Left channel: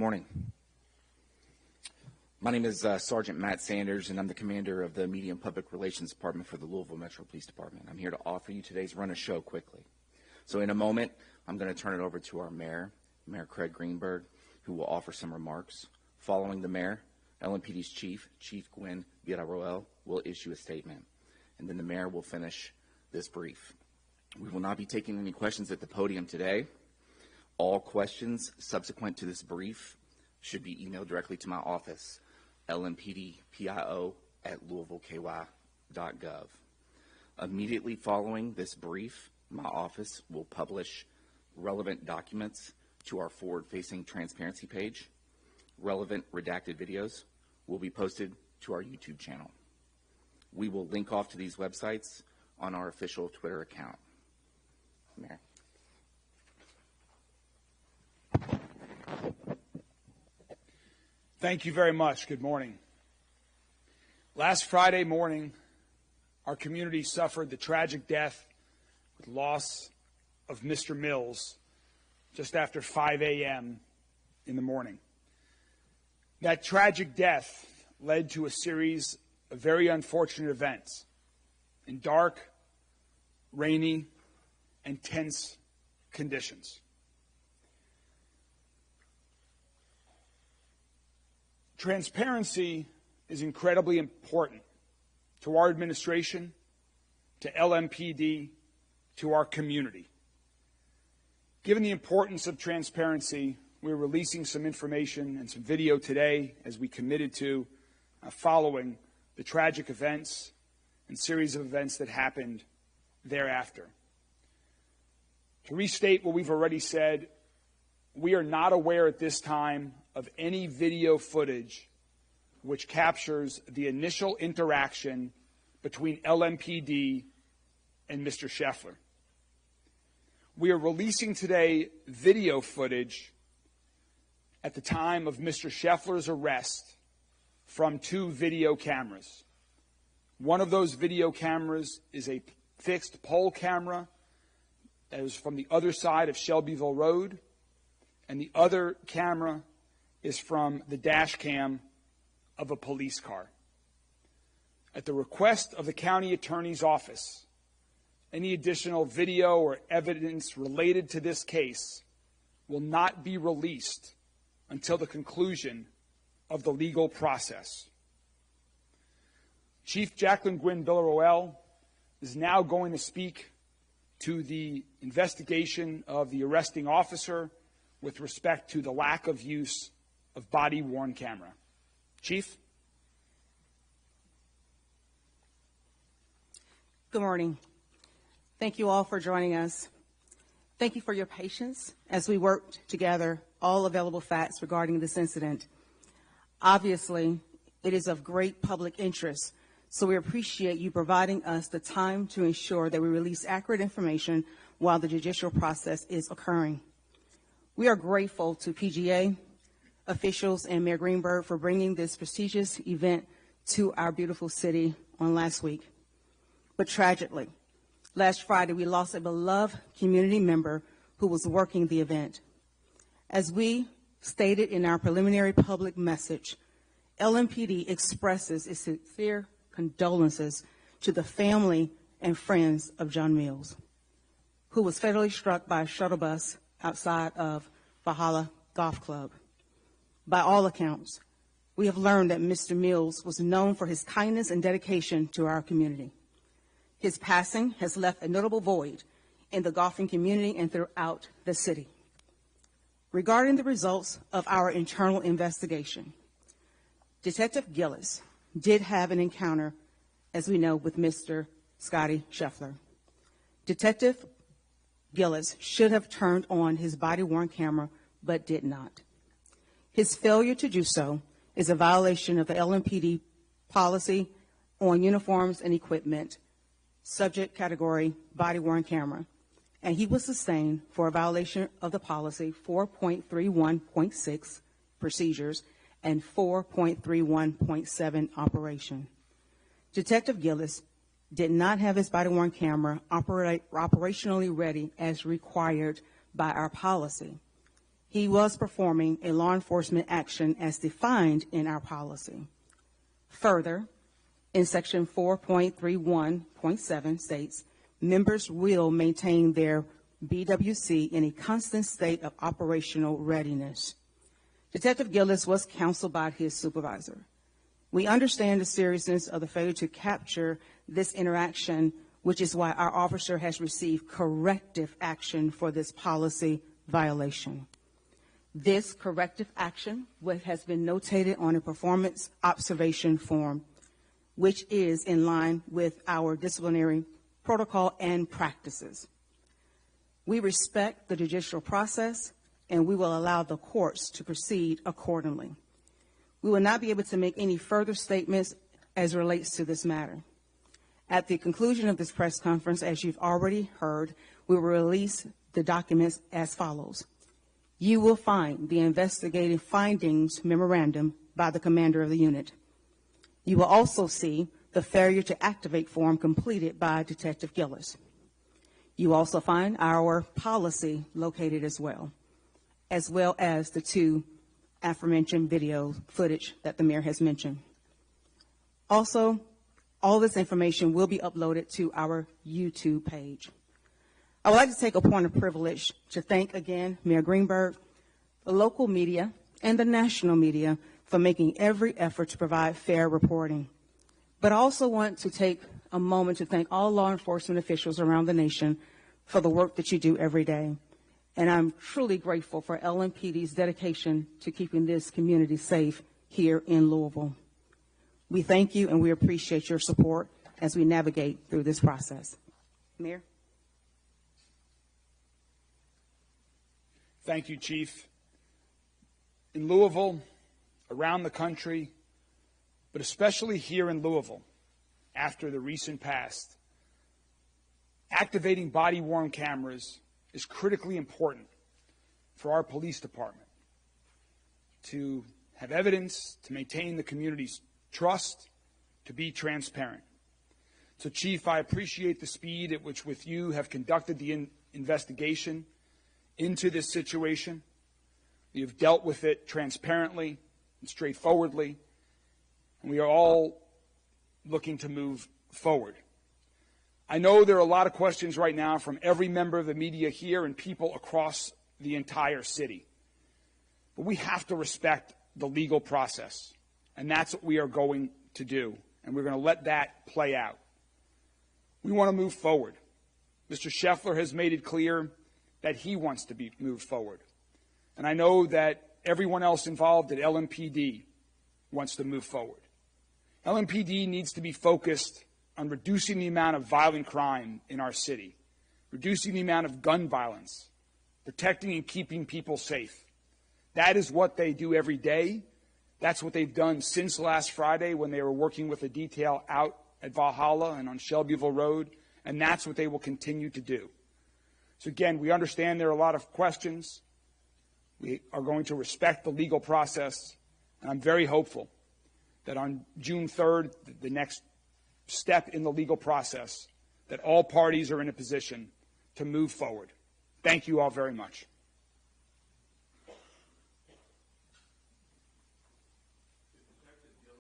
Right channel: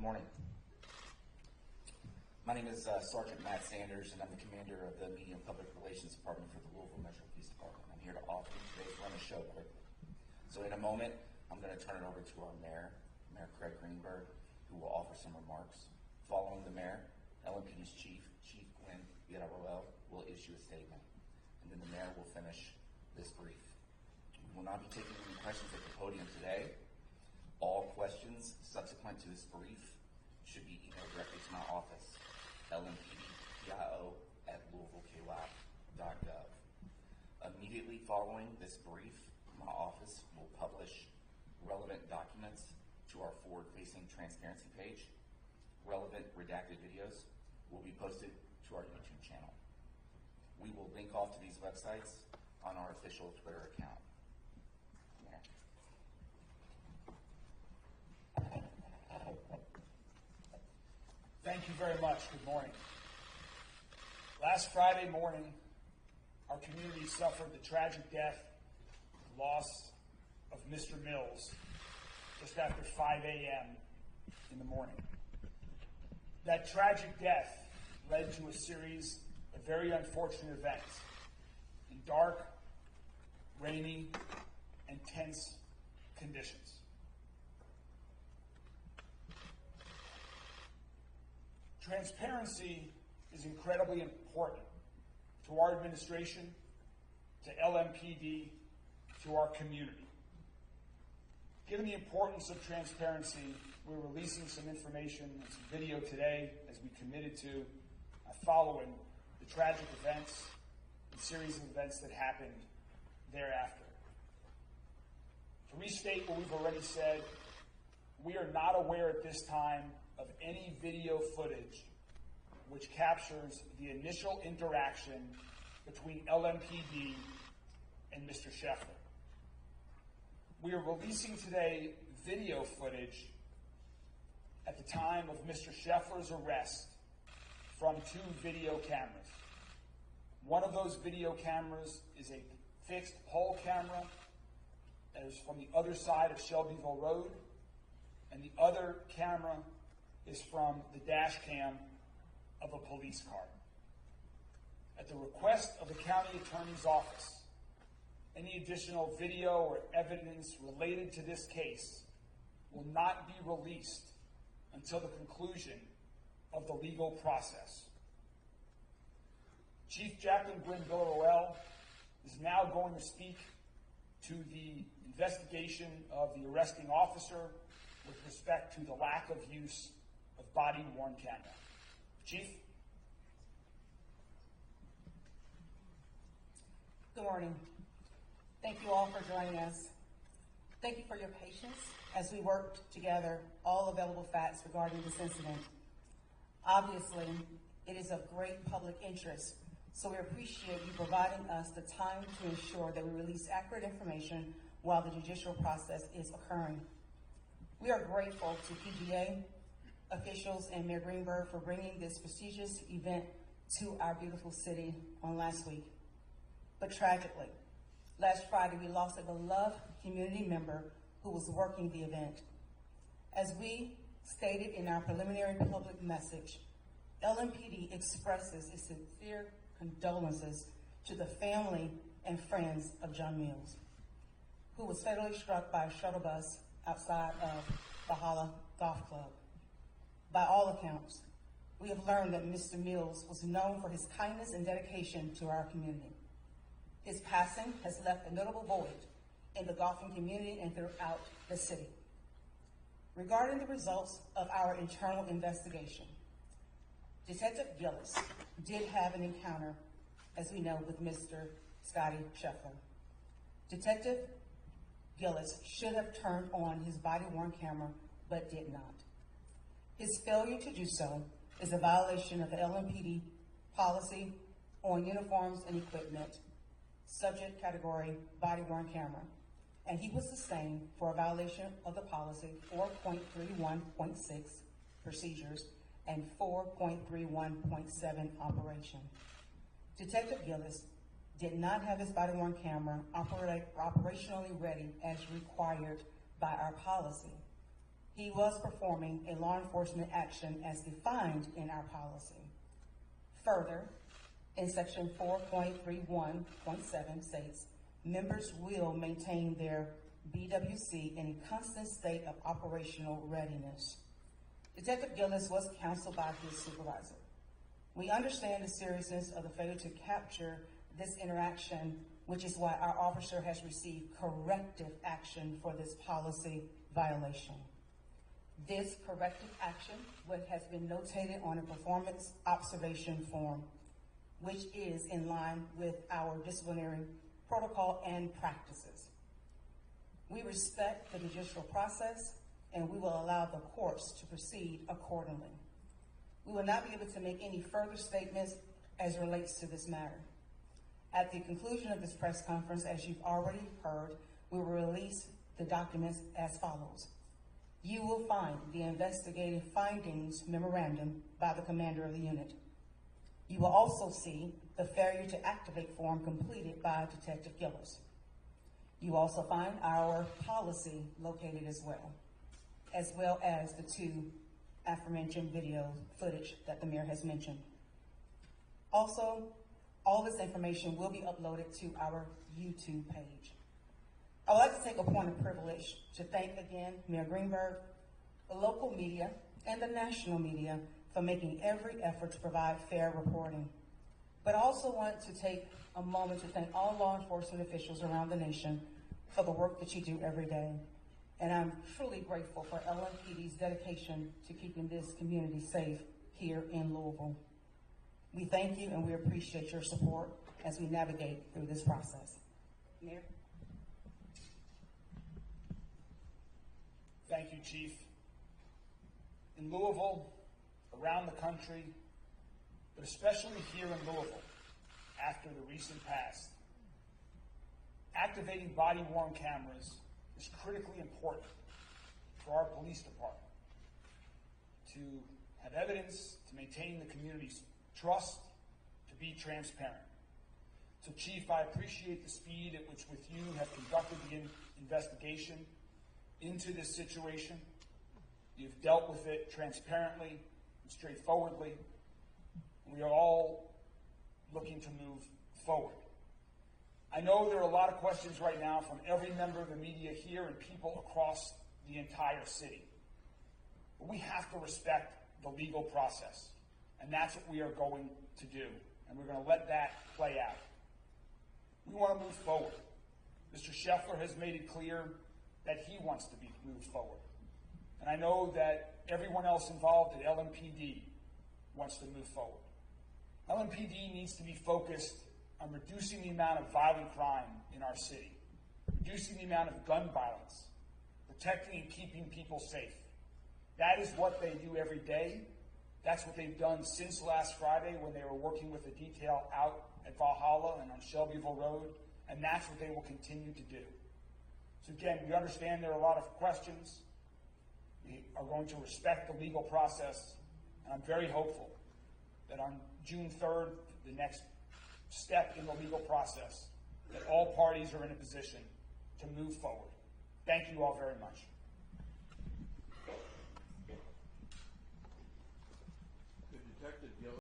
morning. My name is Sergeant Matt Sanders, and I'm the commander of the Media and Public Relations Department for the Louisville Metro Police Department. I'm here to offer you today's run of show quickly. So in a moment, I'm going to turn it over to our mayor, Mayor Craig Greenberg, who will offer some remarks. Following the mayor, LMPD's chief, Chief Gwen Villarroel, will issue a statement. And then the mayor will finish this brief. We will not be taking any questions at the podium today. All questions subsequent to this brief should be emailed directly to my office, lmpdpio@louisvilleky.gov. Immediately following this brief, my office will publish relevant documents to our forward-facing transparency page. Relevant redacted videos will be posted to our YouTube channel. We will link off to these websites on our official Twitter account. Mayor. Thank you very much. Good morning. Last Friday morning, our community suffered the tragic death, loss of Mr. Mills just after 5 a.m. in the morning. That tragic death led to a series of very unfortunate events in dark, rainy, and tense conditions. Transparency is incredibly important to our administration, to LMPD, to our community. Given the importance of transparency, we're releasing some information and some video today, as we committed to, following the tragic events and series of events that happened thereafter. To restate what we've already said, we are not aware at this time of any video footage which captures the initial interaction between LMPD and Mr. Scheffler. We are releasing today video footage at the time of Mr. Scheffler's arrest from 2 video cameras. One of those video cameras is a fixed pole camera that is from the other side of Shelbyville Road, and the other camera is from the dash cam of a police car. At the request of the county attorney's office, any additional video or evidence related to this case will not be released until the conclusion of the legal process. Chief Jacqueline Gwen Villarroel is now going to speak to the investigation of the arresting officer with respect to the lack of use of body-worn camera. Chief? Good morning. Thank you all for joining us. Thank you for your patience as we worked together all available facts regarding this incident. Obviously, it is of great public interest, so we appreciate you providing us the time to ensure that we release accurate information while the judicial process is occurring. We are grateful to PGA, officials, and Mayor Greenberg for bringing this prestigious event to our beautiful city on last week. But tragically, last Friday we lost a beloved community member who was working the event. As we stated in our preliminary public message, LMPD expresses its sincere condolences to the family and friends of John Mills, who was fatally struck by a shuttle bus outside of Valhalla Golf Club. By all accounts, we have learned that Mr. Mills was known for his kindness and dedication to our community. His passing has left a notable void in the golfing community and throughout the city. Regarding the results of our internal investigation, Detective Gillis did have an encounter, as we know, with Mr. Scottie Scheffler. Detective Gillis should have turned on his body-worn camera, but did not. His failure to do so is a violation of the LMPD policy on uniforms and equipment, subject category body-worn camera, and he was sustained for a violation of the policy 4.31.6 procedures and 4.31.7 operation. Detective Gillis did not have his body-worn camera operationally ready as required by our policy. he was performing a law enforcement action as defined in our policy. Further, in section 4.31.7 states, members will maintain their BWC in a constant state of operational readiness. Detective Gillis was counseled by his supervisor. We understand the seriousness of the failure to capture this interaction, which is why our officer has received corrective action for this policy violation. This corrective action has been notated on a performance observation form, which is in line with our disciplinary protocol and practices. We respect the judicial process, and we will allow the courts to proceed accordingly. We will not be able to make any further statements as relates to this matter. At the conclusion of this press conference, as you've already heard, we will release the documents as follows. You will find the investigative findings memorandum by the commander of the unit. You will also see the failure to activate form completed by Detective Gillis. You also find our policy located as well as the two aforementioned video footage that the mayor has mentioned. Also, all this information will be uploaded to our YouTube page. I would like to take a point of privilege to thank again Mayor Greenberg, the local media, and the national media for making every effort to provide fair reporting. But I also want to take a moment to thank all law enforcement officials around the nation for the work that you do every day. And I'm truly grateful for LMPD's dedication to keeping this community safe here in Louisville. We thank you and we appreciate your support as we navigate through this process. Mayor? Thank you, Chief. In Louisville, around the country, but especially here in Louisville, after the recent past, activating body-worn cameras is critically important for our police department to have evidence, to maintain the community's trust, to be transparent. So, Chief, I appreciate the speed at which with you have conducted the investigation into this situation. You've dealt with it transparently and straightforwardly, and we are all looking to move forward. I know there are a lot of questions right now from every member of the media here and people across the entire city. But we have to respect the legal process, and that's what we are going to do, and we're going to let that play out. We want to move forward. Mr. Scheffler has made it clear that he wants to be moved forward. And I know that everyone else involved at LMPD wants to move forward. LMPD needs to be focused on reducing the amount of violent crime in our city, reducing the amount of gun violence, protecting and keeping people safe. That is what they do every day. That's what they've done since last Friday when they were working with a detail out at Valhalla and on Shelbyville Road, and that's what they will continue to do. So again, we understand there are a lot of questions. We are going to respect the legal process, and I'm very hopeful that on June 3rd, the next step in the legal process, that all parties are in a position to move forward. Thank you all very much.